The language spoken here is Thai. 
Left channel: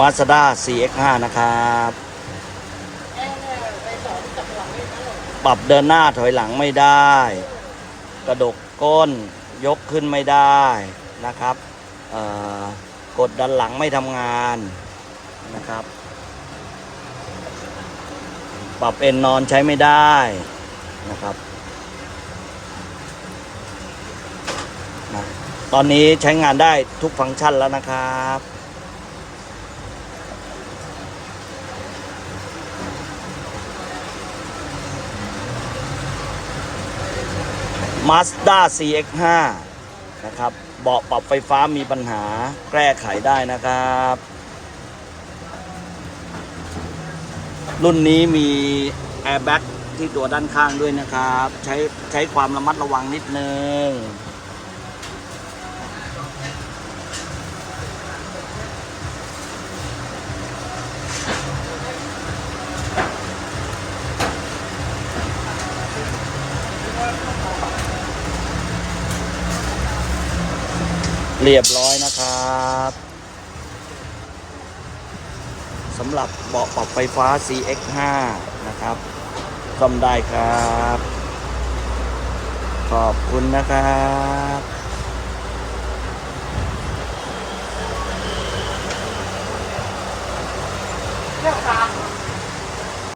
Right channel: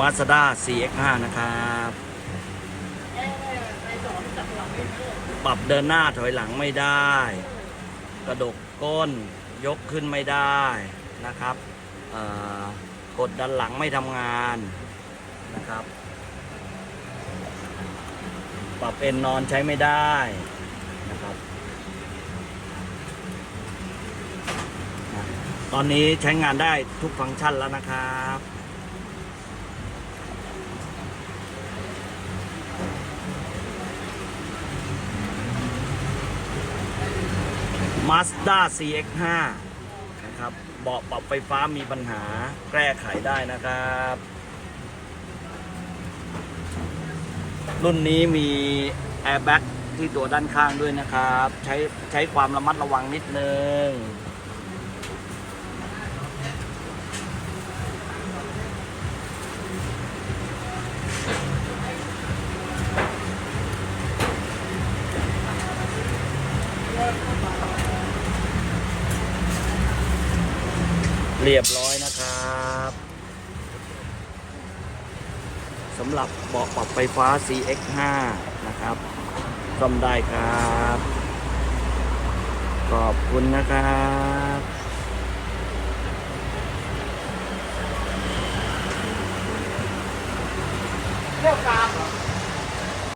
มาสด้า CX5 นะครับ ปรับเดินหน้าถอยหลังไม่ได้ กระดกก้นยกขึ้นไม่ได้นะครับกดดันหลังไม่ทำงานนะครับ ปรับเอ็นนอนใช้ไม่ได้นะครับ ตอนนี้ใช้งานได้ทุกฟังก์ชันแล้วนะครับ Mazda CX5 นะครับ เบาะปรับไฟฟ้ามีปัญหาแก้ไขได้นะครับ รุ่นนี้มีแอร์แบ็กที่ตัวด้านข้างด้วยนะครับ ใช้ใช้ความระมัดระวังนิดนึง เรียบร้อยนะครับสำหรับเบาะปรับไฟฟ้า CX5 นะครับซ่อมได้ครับ ขอบคุณนะครับ